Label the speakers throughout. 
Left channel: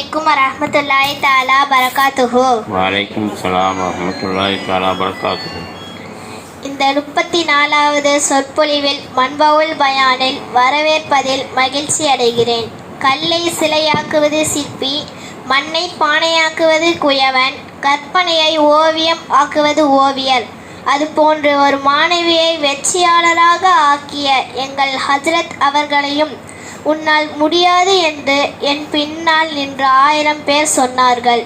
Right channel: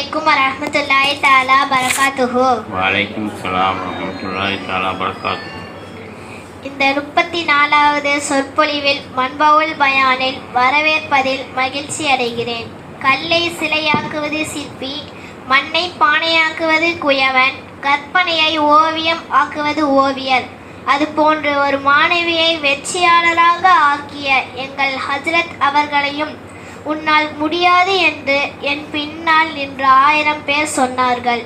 Speaker 1: அலைக்கும் வரஹ்மத்துல்லாஹி தஆலா பரகாத்துஹு
Speaker 2: வலைக்கும் சலாம் வரமத்துல்லாஹி தாலா பரகாத்து
Speaker 1: இந்த முப்பத்தி நாலாவது சொற்பொழிவில் மண்பவுல் பயானில் வரவேற்பதில் மகிழ்ச்சி அடைகிறேன் கல்லை சிலையாக்குவது சிற்பி மண்ணை பானையாக்குவது குயவன் கற்பனையை ஓவியம் ஆக்குவது ஓவியர் அதுபோன்று ஒரு மாணவியை வெற்றியாளராக ஆக்கிய எங்கள் ஹஜ்ரத் அவர்களையும் உன்னால் முடியாது என்று என் பின்னால் நின்று ஆயிரம் பேர் சொன்னார்கள்.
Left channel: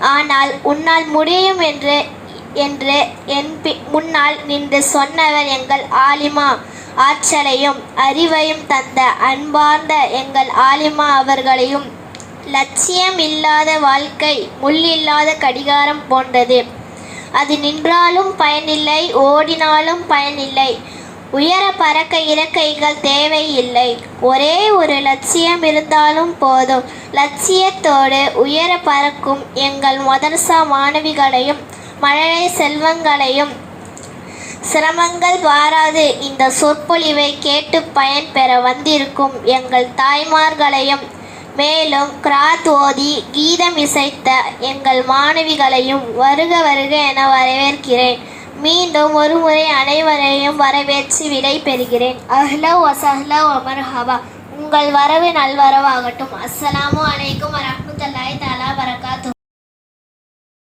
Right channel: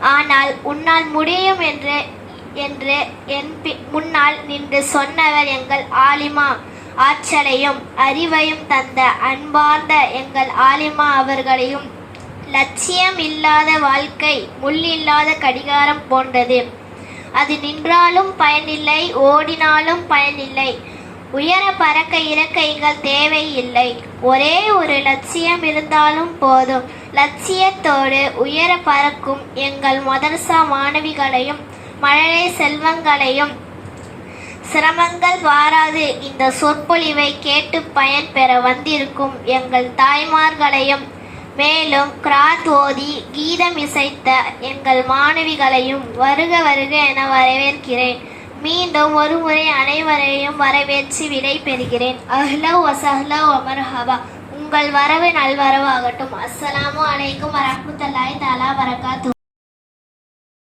Speaker 1: ஆனால் உன்னால் முடியும் என்று என்று என் பி- முன்னால் நின்று சொன்னவர் எங்கள் ஆலிமா. ஆற்றலையும் அறிவையும் தந்த அன்பார்ந்த எங்கள் ஆலிமா அவர்களையும் லட்சியம் இல்லாத வாழ்க்கை முள்ளில்லாத கடிகாரம் போன்றது. அது நின்றாலும் பயனில்லை ஓடினாலும் பயனில்லை. உயர பறக்க இறக்கைகள் தேவையில்லை. ஒரே ஒரு லட்சியம் இருந்தாலும் போதும். லட்சியத்தோடு உயர பறக்கும் எங்கள் மதரசா மாணவிகளையும் மழலை செல்வங்களையும் சிரமங்கள் வாராது. இந்த சொற்பொழிவை கேட்டு பயன்பெற வந்திருக்கும் எங்கள் தாய்மார்களையும் மேலும் கிராத் ஓதி கீதம் இசைத்த எங்கள் மாணவிகளையும் வருக வருக என வரவேற்கிறேன். மீண்டும் ஒரு முறை அனைவரையும் வரவேற்று விடை பெறுகிறேன். அஹ்லா வசஹ்லா வமர்ஹபா உங்கள் வரவு நல்வரவாகட்டும். அஸ்ஸலாமு அலைக்கும் வரமத்து